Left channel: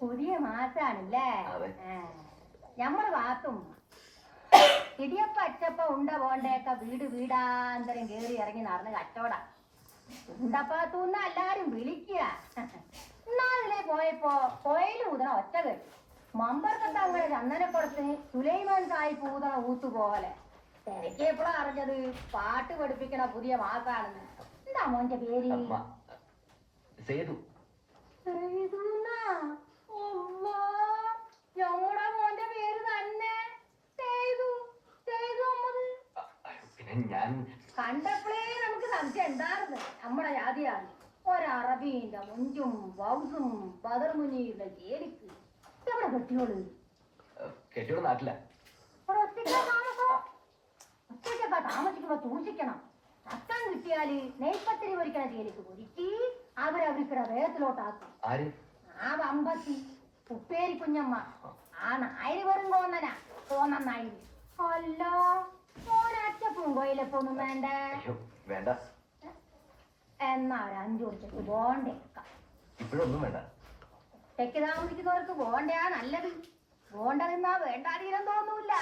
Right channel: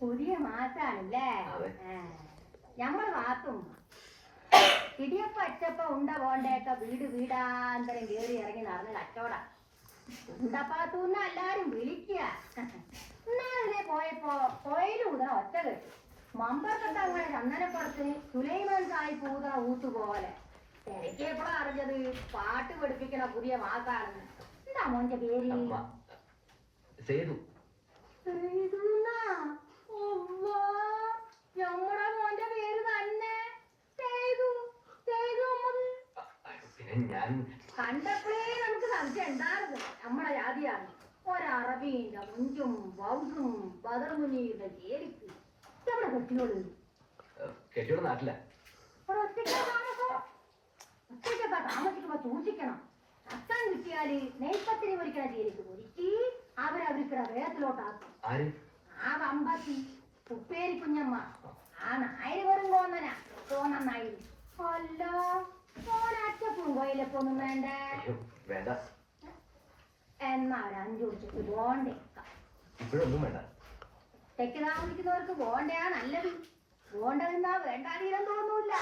പുതിയ മാസാണല്ലേ? ഞമ്മള് വാത്തും ഇടിയപ്പ അച്ചപ്പ ഉണ്ട പോണ്ടേക്ക വീട് വീടാന്തരം കേറി ഇറങ്ങി നടന്ന് കച്ചവട ഉണ്ടപ്പാത്തൂന്ന എല്ലാരും വിളിക്കുക. ഇന്നാളിലെ പോയപ്പോ കോയിലൂതണ ഒറ്റ കെട്ടി മമ്പർക്കത്ത് അങ്ങനെ ചന്ദനപ്പുറത്തിന് സുലൈമാൻ സാഹിബ് ഊതണ ഊത്തുപോലെ. എനിക്ക് എപ്പോഴാ അറിഞ്ഞത് പാട്ട് പഠിപ്പിക്കണ പുതിയ മാസാണെന്ന്. എന്താ മോന്റെ പേര്? ഞമ്മടെ മോന്റെ പേര് തന്നെ കണ്ടപ്പോഴേ നമുക്ക് സംശയം ഉണ്ടായിരുന്നു നമ്മളെ ജാതിയാണ്. ഒരറബീന്റെ മുഞ്ചും വൗസും ബദർമുനിയുടെ ചേരിക്ക് എവിടെ കെട്ടിയോള് നാട്ടില ഒറ്റയ്ക്കൊക്കെ താമസിക്കുമ്പോ സൂക്ഷിക്കണം. അച്ഛൻ കിട്ടിയാല് നെയ്പ്പത്തിരി പൊരിക്കണ ചേരിക്ക് പൊരിച്ച് അവരവർക്കിടെ വേഗത്തിലോട്ടാക്കും. ആ വമ്പത്തി ഉപ്പേരി കുഞ്ഞമ്മ ആ നായര് വെറും തോന്നനായി. അല്ല ഓനച്ചപ്പും കോയിലപ്പൊന്നും വേണ്ടേ? എന്നാ ഒരു 5 വർഷത്ത് ബോണ്ടേക്കാം. തെക്ക് താമസിക്കുന്നവർക്ക് ബോണ്ടയാ നല്ലത്. ബോണ്ട നിന്നാ വേണ്ടാതീരം തോന്നൂല്ല.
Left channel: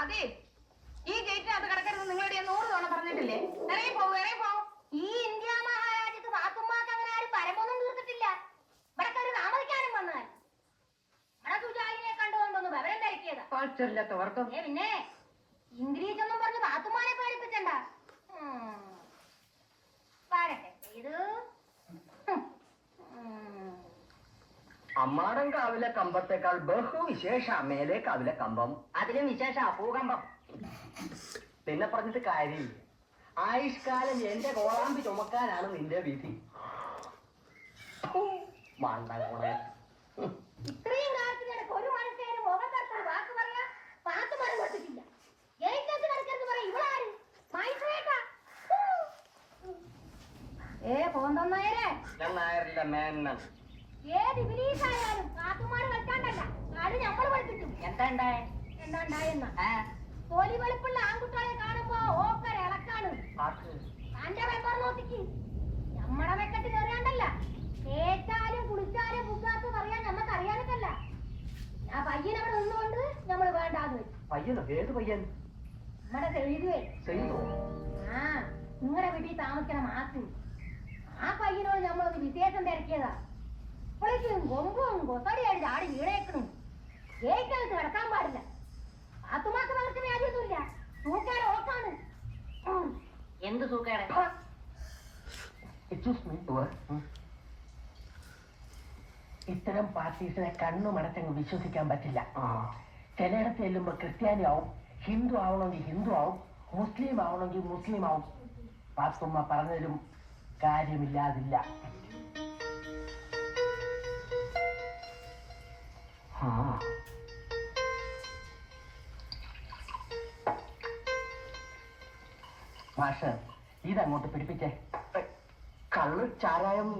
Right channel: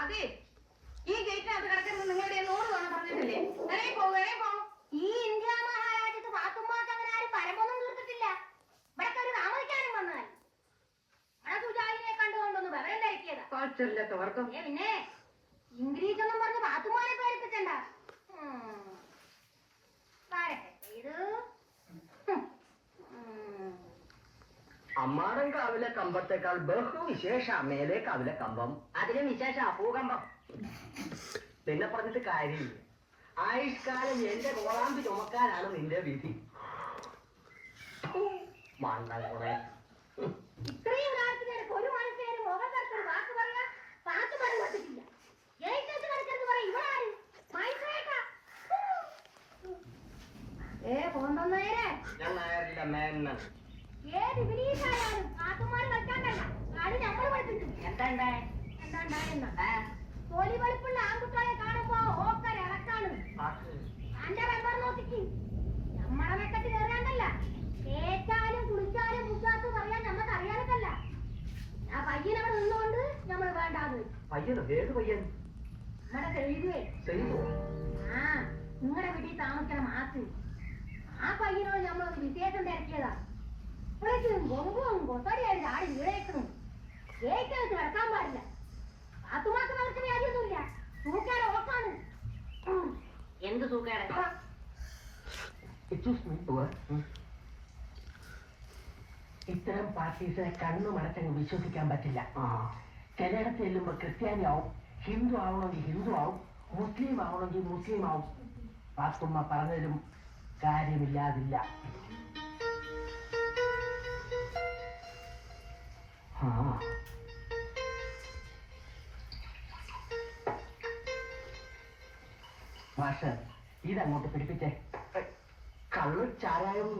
അതെ, ഈ ഗേറ്റിനകത്ത് കിടക്കരുത് നിങ്ങളുടെ 100 തവണ പറഞ്ഞിട്ടില്ലേ? ഈ ഇന്ത്യ മഹാരാജ്യത്ത് പാത്തുമ്മാക്ക് അങ്ങനെ ആരും പരമൊന്നും തീർത്തിട്ടില്ല. ഇവിടെ ഒരു താമസിക്കാനും വന്നാൽ ഇവിടെ സുജാലിനെ കണ്ടുകൊണ്ടൊന്ന് വിവരം ധരിക്കിയതാ. പിന്നെ ഇംഗ്ലീഷ് ഒന്നും പറഞ്ഞ് പാത്തുമ്മാനെ പേടിപ്പിച്ചണ്ട. അമ്മാടൻ കാവിലെ കമ്പത്തേക്കാൾ ബഹുവിശേഷ മേലെ കാവിലെ കമ്പം. അതിലും വിശേഷ ഭൂകമ്പം. പിന്നെ പറഞ്ഞിട്ട് കാര്യമില്ല. ആയുഷ്കാലം എന്റെ കോളാമ്പി ചുമക്കാനാണ് നിന്റെ വിധി. മണ്ടകുറെ ഇത്രയും കാലത്തിനിടയ്ക്ക് ഒരു മനുഷ്യന് മുഖത്തടുത്തൊരു വാക്ക് പറയാ പാട്ട് പാടി പറ്റില്ല. ഞാൻ നായരില്ല മേനൻ. ഏത് വിനീതായാലും പാത്തുമാര് കളിക്കാണ്ടല്ല അത് ഞമ്മള് പഠിപ്പിച്ചു. എന്താണ്ടായെന്ന തൊലി വെളുപ്പുള്ള ആൺകുട്ടികളെ കാണുമ്പോ ഓക്കര ഇളക്കാണ്. അന്റെ വെമ്പർ നോക്കിക്ക് ഞമ്മടെ വെക്കത്തിന് അറിയാണ്ടല്ല. കേറ്റാലും കുളിച്ചാലും ബുദ്ധാത്ത് പറയാൻ ഞമ്മക്ക് അറിയാനല്ല. ആ പയ്യൻ അവിടെ നിന്നുകൊണ്ട് ഞമ്മള് വേണ്ടാന്ന് വെച്ചു. പയ്യനോ? ഏത് പയ്യൻ? നമ്മടെ ചെയ്തുവേ. ആ നിങ്ങളുടെ വീട്ടിൽ താമസിക്കണ മാസു. ആ പയ്യനോട് ഞമ്മളൊന്ന് വിശേഷം തിരക്കിയതാ. ഇപ്പോഴേക്കും കൊമ്പും കൊത്തടിയായിട്ട് ചാടി വീടേക്കണം. കേക്കകത്ത് കിടക്കാൻ പാടില്ല. പാത്തുമാക്ക് നമുക്ക് കാര്യമൊന്നുമില്ല. സൂക്കേടെ ഓക്കാണ്. എന്ത് സൂക്കേടെ? ഇത്തരം പാർട്ടീസിനെ കണ്ണുമടച്ചങ്ങ് വിശ്വസിക്കാൻ പറ്റില്ല. ചിലയിടത്ത് ചെല്ലുമ്പോ ക്രിസ്ത്യാനി ആവും, ഹിന്ദു ആവണമെങ്കിൽ ഹിന്ദു ആവും, മുസ്ലിം ആവണമെങ്കിൽ മുസ്ലിം ആവും. പാത്തുമ്മ പറഞ്ഞതിലും കാര്യമില്ലാതില്ല. മാഷ് ഇതങ്ങോട്ട് പിടിപ്പിച്ചേ. കള്ള് ചാരായം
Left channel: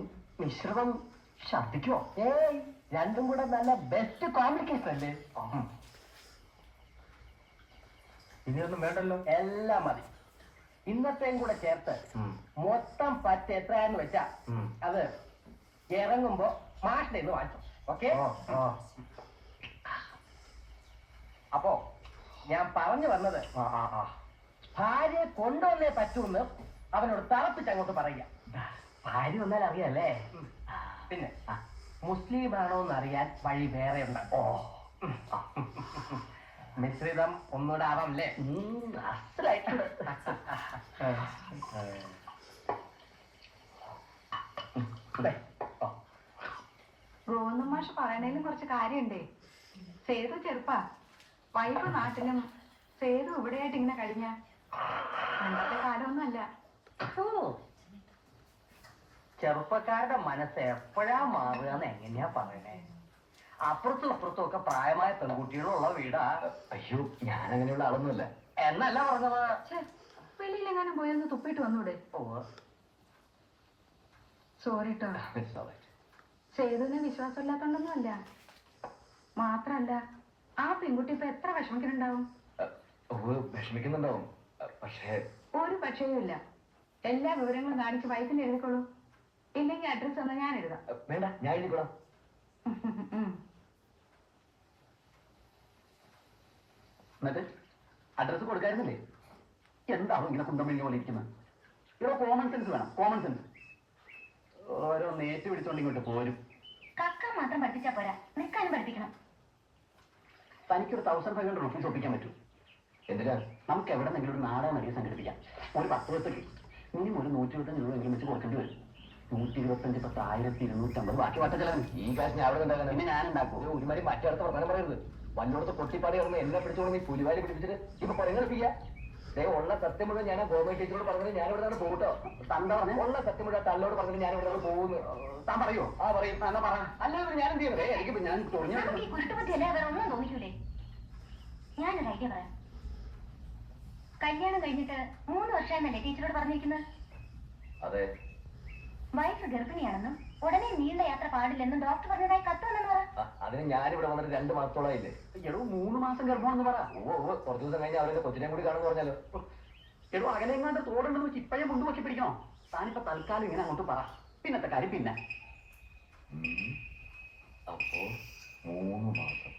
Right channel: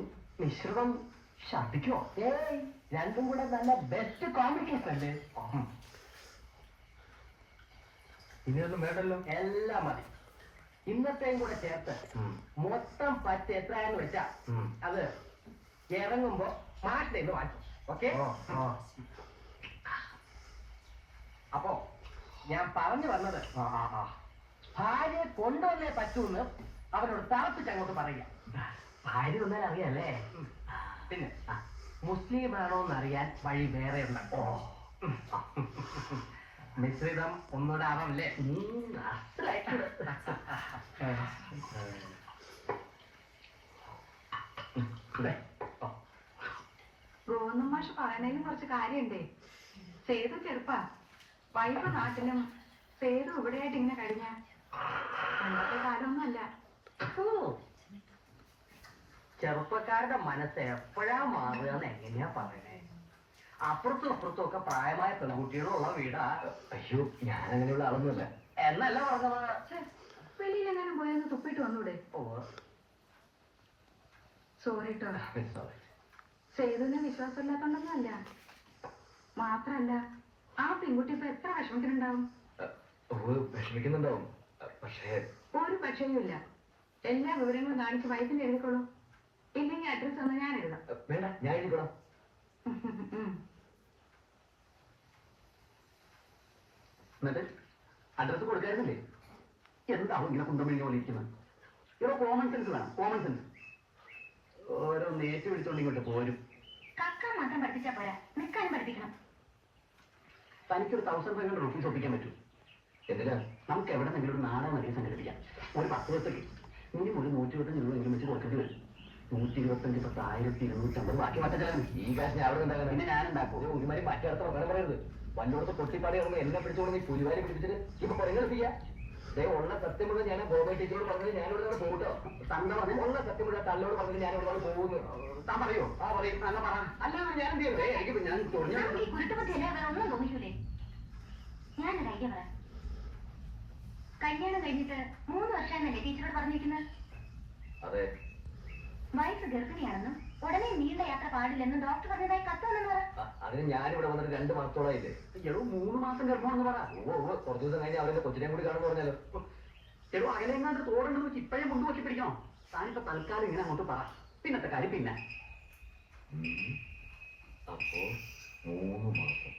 മിശ്രിതം ഛർദിക്കോ? ഏയ്, രണ്ടും കൂടെ നല്ല ബെസ്റ്റ് കോംപ്ലിക്കേഷൻ അല്ലേ. ഇനിയൊന്നും വേണ്ടല്ലോ, എല്ലാം മതി. ഇന്നത്തെയും കൂടെ ചേർത്ത് മൊത്തം പറ്റ് എത്രയാന്ന് വെച്ചാ അത് ഇറങ്ങുമ്പോ മാഷിന്റെ ഇന്ന് വാങ്ങിച്ചു. ഓക്കെ? അപ്പോ ഞാൻ പറഞ്ഞു വന്നത്, ഭാര്യയെ കൊണ്ടുവന്നേ പറ്റൂന്ന് അവനോട് തളപ്പിച്ച് അങ്ങോട്ട് പറയുക. ഭാര്യ വന്നാൽ അറിയാല്ലേ. പിന്നെ മുസ്ലിം ആണോ എന്നറിയാൻ വഴി വേറെ ഉണ്ടോ? മിശ്രിതം ഒന്നുകൂടെ ആവാമല്ലേ? ഗോവിന്ദൻ മാഷ് പറയണേലും കുറച്ച് കാര്യണ്ടേ. സേതു ചെറുപ്പാ, വൈഫ് നാട്ടിലും സേതു ഇവിടെയായിട്ട് ഇങ്ങനെ കഴിഞ്ഞ പണ്ടത്തെ കാലമൊന്നുമല്ല. ചെറുപ്പക്കാരുടെ മനസ്സ് എപ്പോഴാ മാറുക എന്ന് എങ്ങനെയാ പറയണേ? അപ്പുറത്തും ഇപ്പുറത്തും ഒക്കെ പ്രായമായ പെൺകുട്ടികളുള്ള വീടാ. അയ്യോ, ഞാൻ അങ്ങനെയുള്ള ആളൊന്നുമല്ല. എന്നല്ല പറഞ്ഞത്. വെളിയിലെങ്ങാനും പോയൊന്ന് തുപ്പിട്ട് വന്നൂടെ? സോറി ട്ടോ. സേതുവിന് വിശ്വാസമില്ലാത്തോണ്ടൊന്നും അല്ല. മാത്രല്ല ആ പെൺകുട്ടി ഇപ്പൊ എത്ര വിഷമിക്കുന്നുണ്ടാവും. വിഷമിക്കുന്നുണ്ടാവും, പക്ഷേ ഒരു പക്ഷേയും ഇല്ല. എല്ലാ വിവരങ്ങളും കാണിച്ച് വയസ്സിൽ എഴുതിക്കോളൂ. ഇല്ലെങ്കിൽ അഡ്രസ് ഒന്ന് ഞാൻ എഴുതാം. വേണ്ട, ഞാൻ എഴുതിക്കോളാം. എന്നിട്ട് അഡ്രസ് കൊടുക്കായിരുന്നില്ലേ? എന്താവും ഇങ്ങനെ കുന്തം പിഴിഞ്ഞ പോലെ ഇരിക്കുന്നത്? ഇവിടെ കോമൺ സെൻസ് വേണം, കോമൺ സെൻസ്. ഓരോ നേറ്റ് പിടിച്ചോണ്ട് ഇങ്ങോട്ട് പോരും. കക്കാൻ മാത്രം പഠിപ്പിച്ചാ പോരാ, നിൽക്കാനും പഠിപ്പിക്കണം. തനിക്കൊരു 1500 റുപ്പീസ് ഒപ്പിക്കാൻ പറ്റൂ. എന്തിനാ? നമുക്ക് എവിടെ നിന്നെങ്കിലും ഒരു നാടകം നടിയെ സംഘടിപ്പിക്കാം. ഒരു 10 ദിവസത്തേക്ക് ഇനിയും ഒരു 125 രൂപ എങ്കിലും വെച്ച് കൊടുക്കേണ്ടി വരും. 125 + 1250, ബാക്കി മാറ്റം. ഈ കാശ് ഞാൻ അവിടെ ഉണ്ടാക്കാൻ പിന്നെ ഞാൻ ഉണ്ടാക്കും. ഒരുമാതിരി മറ്റടുത്ത് പറഞ്ഞു പറയരുത്. വല്ലോടത്ത് പൊട്ടിപ്പാടി ഇറങ്ങുമ്പോൾ എന്നെ പിടിച്ചോളി പുലിവാലി പിടിച്ചിട്ട് ഇപ്പൊ പറയുന്നില്ല. ഉള്ള സത്യം മുഴുവൻ ഞാൻ ഗോപി ടീച്ചറോട് പറഞ്ഞത് ഞാൻ ഇവിടെ നിന്ന് പോകട്ടോ. തന്ത പറഞ്ഞു ഉള്ള സത്യം മുഴുവൻ തന്നോട് പറഞ്ഞത് ഞാൻ ഇവിടെ നിന്ന് പോകുന്നു. താൻ പറയോ? ആ പറയും. എന്നാ പറ. അല്ലെങ്കിൽ ഞാൻ എന്ത് ചെയ്യുന്നത്? എനിക്ക് ഞാൻ തുറഞ്ഞു. നമുക്ക് ഈ കുരുട്ടുപത്തി അല്ലേ വേറെ ഒന്നും തോന്നിക്കൂലേ? ഞാനൊരു ഐഡിയ പറയാം. കല്യാണം കഴിഞ്ഞിട്ട് 3 വർഷമായിരുന്നല്ലേ ടീച്ചറോട് പറഞ്ഞിരിക്കുന്നത്? അതെ. വൈഫ് ഗർഭിണിയാണെന്നും ഉടനെ നീണ്ട യാത്ര പാടില്ലെന്നും ഡോക്ടർ പറഞ്ഞതായി കത്തുവെന്നു പറ. അതിന് ഞാനിവിടെ വന്നിട്ട് 2 മാസത്തോളായില്ലേ. എടോ 3 മാസം ഗർഭമാണെന്ന് പറ. കുറച്ച് ദിവസം കഴിഞ്ഞാൽ അവരുടെ കൊച്ചിനെ കൂടി കാണുമ്പോൾ പറഞ്ഞാലോ. എടോ അകലെങ്ങാണ്ട് തോടുണ്ടെന്ന് വെച്ച് ഇപ്പോഴേ മുണ്ടുവക്കി പിടിക്കണോ? താനിപ്പോ തൽക്കാലം ഇങ്ങനെ അങ്ങോട്ട് പറ. പിന്നത്തെ കാര്യം പിന്നെ. അപ്പോ 3 മാസം.